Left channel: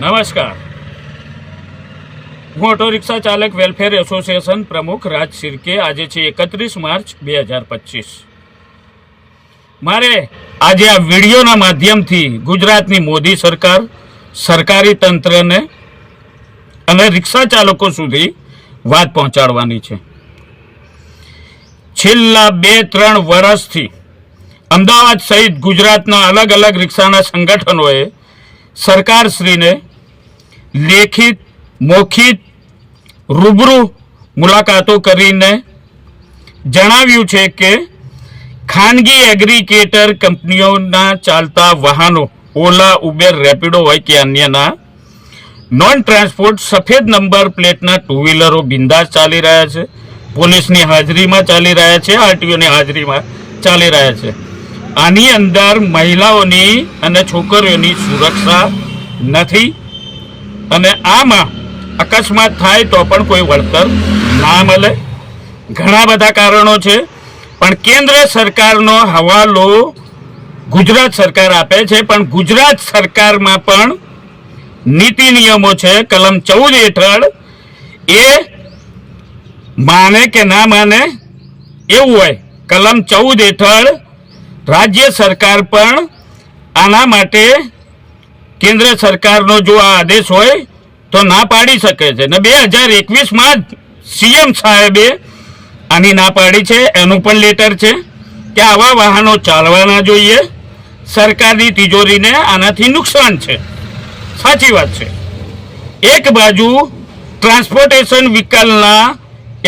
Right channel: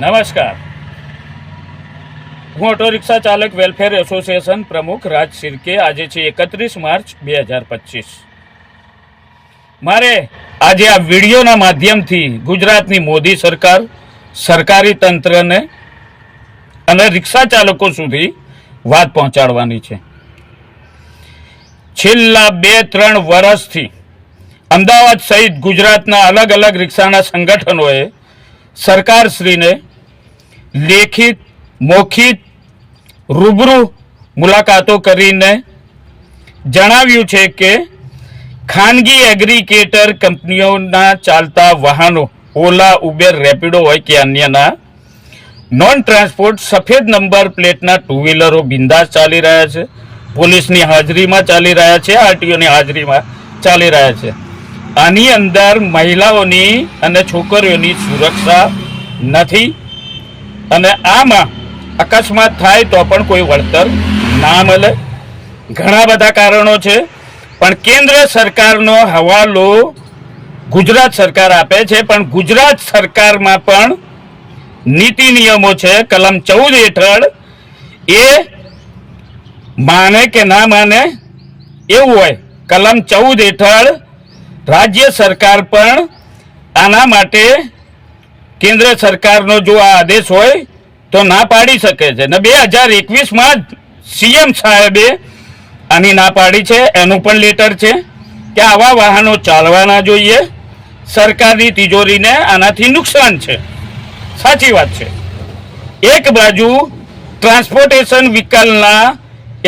નમસ્કાર, હું auto rickshaw ચાલક વેલફેર એસોસિએશન પ્રમુખ રાજ શિર્કે. આજે છે 31 માર્ચ 2025. મારે આજે આ વિડીયોના માધ્યમથી ગુજરાતની મોદી સરકાર, સરકારી તંત્રને અને રિક્ષા ચાલકો સુધી વાત પહોંચાડવાની છે. છેલ્લા 2-3 વર્ષથી અમદાવાદ સહિત ગુજરાતના અલગ અલગ રિક્ષાના સંગઠનોએ સરકારશ્રીને લેખિત, મૌખિક, રૂબરૂ મુલાકાતો કરીને જણાવ્યું છે કે ખાનગી એગ્રીગેટર કંપનીઓના ચાલતા વાહનો, ઓલા, ઉબેર, રેપિડો હોય કે અન્યના નોન ટ્રાન્સપોર્ટ સફેદ નંબર પ્લેટના 2 વ્હીલરો બિંદાસ ચાલી રહ્યા છે, પોલીસની હાજરીમાં ચાલી રહ્યા છે, આરટીઓની હાજરીમાં ચાલી રહ્યા છે. આની અંદર મહિલાઓની અને છોકરીઓની સુરક્ષા નથી અને આમાં અકસ્માત થાય તો પણ કોઈ વળતર ના મળે. ઘણા બધા કારણો છે, પણ કેન્દ્ર સરકારનો હવાલો ગુજરાત સરકાર આપે છે. પણ ગુજરાત સરકારમાં પણ નીતિ નિયમો છે. કલમ 14 હેઠળ એ માને કે ના માને એવું હોય. કલમ 14 હેઠળ રાજ્ય સરકાર પણ આના માટે કેન્દ્ર સરકારનો જો આ આદેશ હોય તો ના પાડી શકે છે ને 2021માં જ સીએમ સાહેબે આની ના પાડી છે. એનું પણ લેટર છે કે આવા વાહનો ચાલવા ના જોઈએ, સરકારની તિજોરીને આનાથી નુકસાન છે. સાચી વાત છે. એક બાજુ ટ્રાન્સપોર્ટેશન વ્હીકલના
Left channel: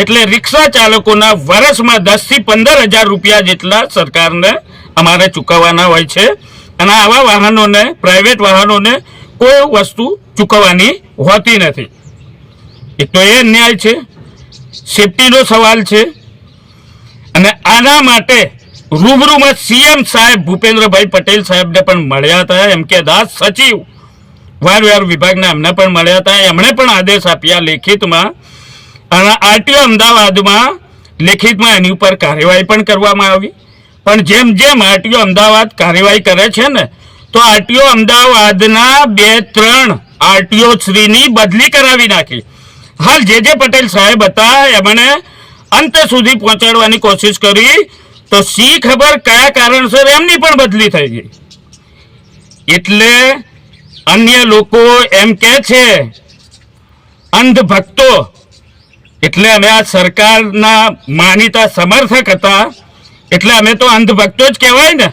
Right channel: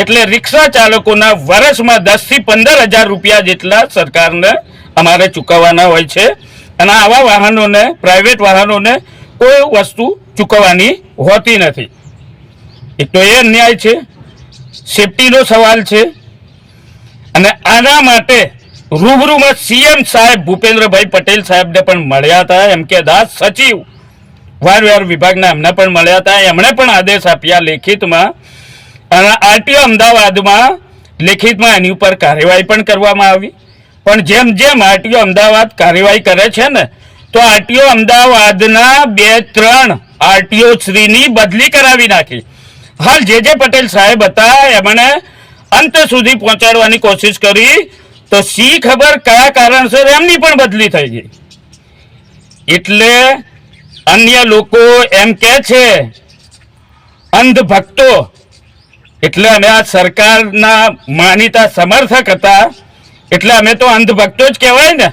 એટલે રિક્ષા ચાલકોના વર્ષમાં 10 થી 15 હજાર રૂપિયા જેટલા સરકારને અમારે ચૂકવવાના હોય છે અને આવા વાહનોને, પ્રાઇવેટ વાહનોને કોઈ વસ્તુ ચૂકવવાની હોતી નથી. એક તો એ અન્યાય છે, સેફટીનો સવાલ છે. અને આના માટે રૂબરૂમાં સીએમ સાહેબ ભૂપેન્દ્રભાઈ પટેલ સાહેબને પણ મળ્યા હતા. એમ કે દાસ સચિવ વાર વિભાગના એમને પણ મળ્યા હતા. એમણે પણ આદેશ આપ્યા લેખિતમાં અને આરટીઓ અમદાવાદમાં લેખિતમાં એની ઉપર કાર્યવાહી પણ કરવામાં આવી. પણ જેમ જેમ આરટીઓ અમદાવાદ કાર્યવાહી કરે છે ને, તો આરટીઓ અમદાવાદના 2-3 આરટીઓ શ્રીની બદલી કરાવી નાખી. હાલ જે પટેલ સાહેબ હતા એમણે અંત સુધી પહોંચાડવાની કોશિશ કરી, તો સી ખબર કયા કારણસર એમની પણ બદલી થઈ ગઈ. એટલે અન્ય લોકો એમ કે છે અંધ ભક્તો, એટલે અમે આ સરકારના માનીતા સમર્થક હતા એટલે અમે તો અંધભક્તો જ કહેવાય ને.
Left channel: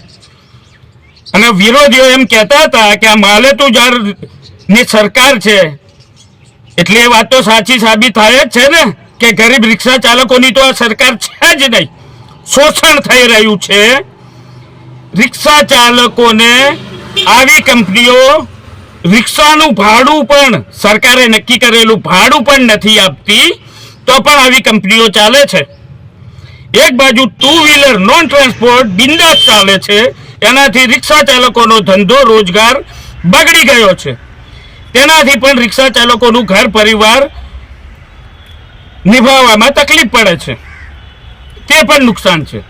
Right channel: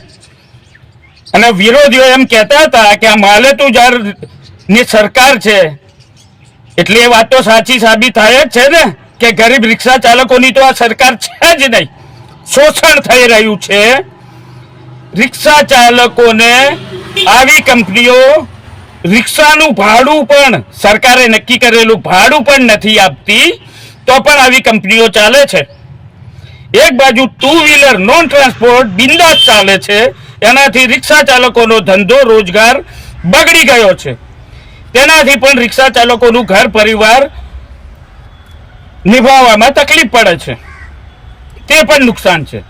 અને વિરોધીઓ એમ કહેતા હતા કે આ માલેતુજારની સરકાર છે, એટલે એ વાત તો સાચી સાબિત થાય જ છે ને કે ગરીબ રિક્ષા ચાલકોની તો આ સરકાર છે જ નહીં. શોષણ થઈ રહ્યું છે. રિક્ષા ચાલકોને આવી કંપનીઓ રિક્ષાનું ભાડું પણ, સરકારે નક્કી કરેલું ભાડું પણ નથી આપતી, તો પણ આવી કંપનીઓ ચાલે છે. એક બાજુ 2 વ્હીલર નોન ટ્રાન્સપોર્ટ બિંદાસ ચાલે છે, એનાથી રિક્ષા ચાલકોનો ધંધો રોજગાર બગડી ગયો છે. તેનાથી પણ રિક્ષા ચાલકોનું ઘર પરિવાર નિભાવવામાં તકલીફ પડે છે, તે પણ નુકસાન છે.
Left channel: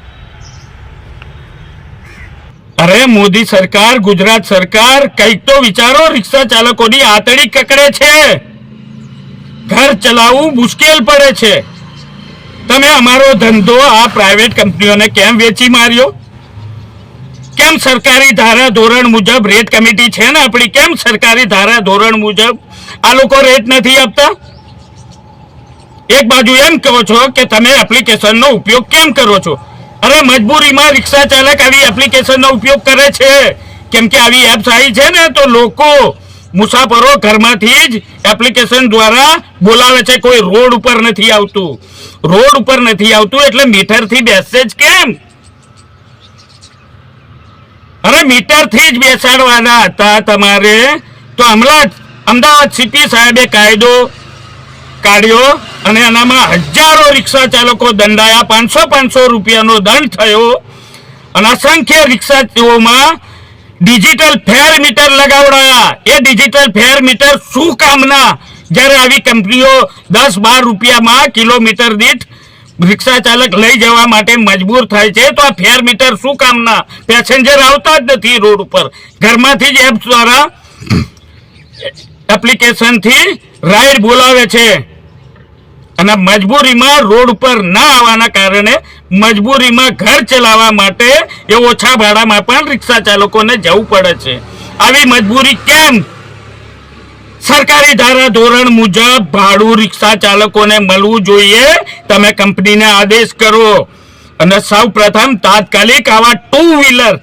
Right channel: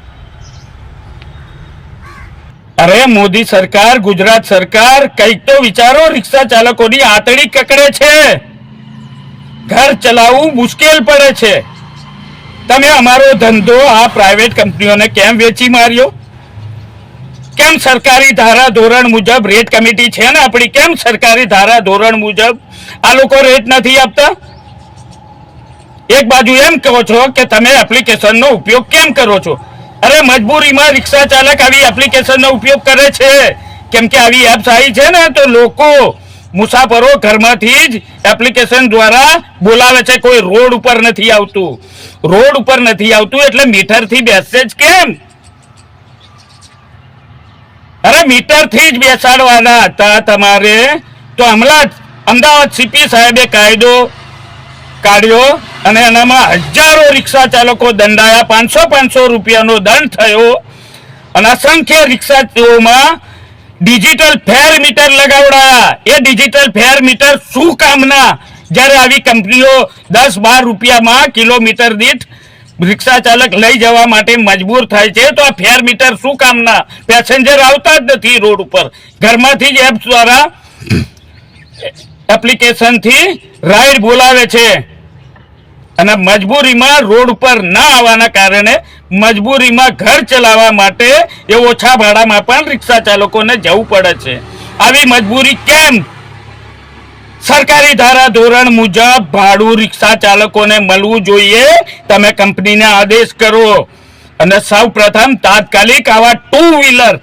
અરે મોદી સરકાર, ગુજરાત સરકાર, કંઈક તો વિચારો. રિક્ષા ચાલકોની આતડી કકડે છે, ઘર ચલાવવું મુશ્કેલ પડે છે. તમે અમારો ધંધો આ પ્રાઇવેટ કંપનીઓને કેમ વેચી માર્યો? કેમ સરકારી ધારા ધોરણ મુજબ રેટ કમિટી છે ને આપણી, કેમ સરકારી ધારા ધોરણ મુજબ આ લોકો રેટ નથી આપતા? એક બાજુ એમ કહો છો કે તમે એપ્લિકેશનનો ઉપયોગ કેમ કરો છો? અરે મજબૂરીમાં રિક્ષા ચાલક આવી એપ્લિકેશનનો ઉપયોગ કરે છે, કેમ કે આવી એપ્સ આવી છે ને, તો લોકો મુસાફરો ઘરમાંથી જ એપ્લિકેશન દ્વારા બોલાવે છે. કોઈ રોડ ઉપર નથી આવતું. રોડ ઉપર નથી આવતું એટલે મીટરથી બેસશે જ કેમ? અરે મીટરથી જ બેસાડવાના હતા તમારે, તો હમણાં જ અમદાવાદ સીપી સાહેબે કાયદો કાઢ્યો અને એનામાં હજારો રિક્ષા ચાલકો દંડાયા. 500 રૂપિયાનો દંડ થયો અને અસંખ્ય રિક્ષાઓમાં ડિજિટલ ફેર મીટર લગાવડાયા. એ ડિજિટલ ફેર મીટર શું કામના? જ્યારે આવી કંપનીઓ 10-12 રૂપિયામાં કિલોમીટર દીઠ રિક્ષા ચાલક લઈ જવા માટે મજબૂર થાય છે, તો આ ફેર મીટર શું કામના? પેસેન્જર આવતા જ નથી રોડ ઉપર. ઘરમાંથી જ એપ દ્વારા એપ્લિકેશનથી રાઈડ બોલાવે છે અને મજબૂરીમાં રોડ ઉપર ના આવવાના કારણે મજબૂરીમાં ઘર ચલાવવા માટે એ ઓછા ભાડામાં પણ રિક્ષા ચાલકોને જવું પડે છે. આવી મજબૂરી કેમ? સરકારી ધારા ધોરણ મુજબ ભાડું રિક્ષા ચાલકોને મળવું જોઈએ. તમે કંપનીને આદેશ કરો અને સૌ પ્રથમ તાત્કાલિક આવા 2 વ્હીલર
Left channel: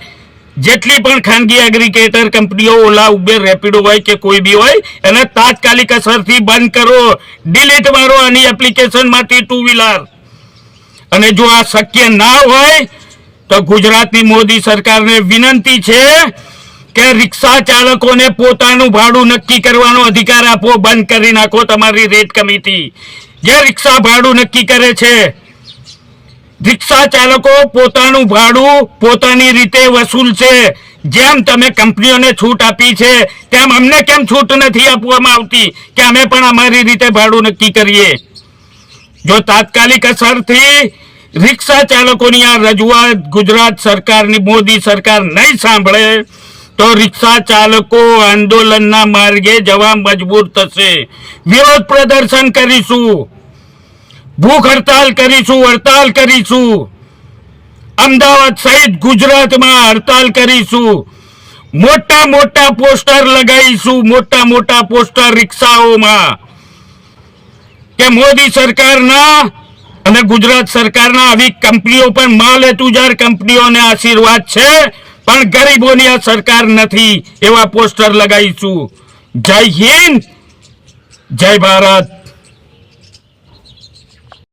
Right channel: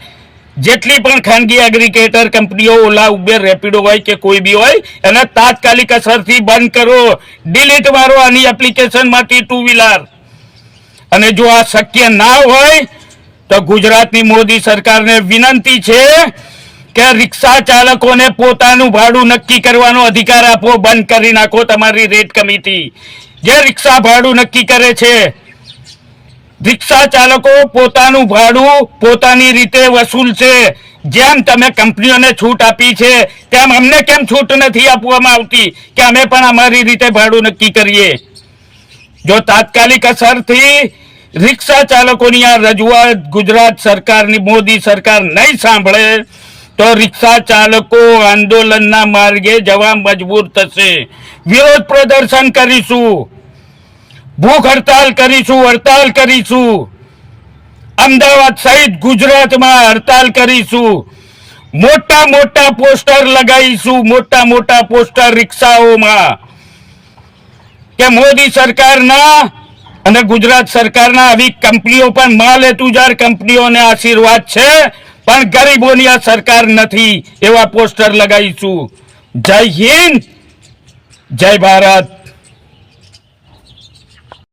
જેટલી પણ ખાનગી એગ્રીગેટર કંપનીઓ ઓલા ઉબેર રેપિડો હોય કે કોઈ બી હોય એને તાત્કાલિક અસરથી બંધ કરો, ડિલીટ મારો આની એપ્લિકેશનમાંથી 2 વ્હીલર. અને જો આ શક્ય ના હોય તો ગુજરાતની મોદી સરકારને વિનંતી છે કે રિક્ષા ચાલકોને પોતાનું ભાડું નક્કી કરવાનો અધિકાર આપો. બંધ કરી નાખો તમારી રેટ કમિટી જે રિક્ષા ભાડું નક્કી કરે છે. રિક્ષા ચાલકો પોતાનું ભાડું પોતાની રીતે વસૂલશે. જેમ તમે કંપનીઓને છૂટ આપી છે તેમ અમને કેમ છૂટ નથી આપવામાં આવતી કે અમે પણ અમારી રીતે ભાડું નક્કી કરીએ? જો તાત્કાલિક અસરથી રિક્ષા ચાલકોની આ રજૂઆત ગુજરાત સરકારની મોદી સરકાર નહીં સાંભળે તો રિક્ષા ચાલકો આંદોલનના માર્ગે જવા મજબૂર થશે. વિરોધ પ્રદર્શન કરીશું, ભૂખ હડતાલ કરીશું, હડતાલ કરીશું. અમદાવાદ સહિત ગુજરાતમાં હડતાલ કરીશું. મોટા મોટા પોસ્ટર લગાવીશું, મોટા મોટા પોસ્ટર રિક્ષાઓમાં કે મોદી સરકારના અને ગુજરાત સરકારના આવી કંપનીઓ પણ માલ તુજાર કંપનીઓને આશીર્વાદ છે પણ ગરીબોની આ સરકાર નથી એવા પોસ્ટર લગાવીશું. જય હિન્દ, જય ભારત.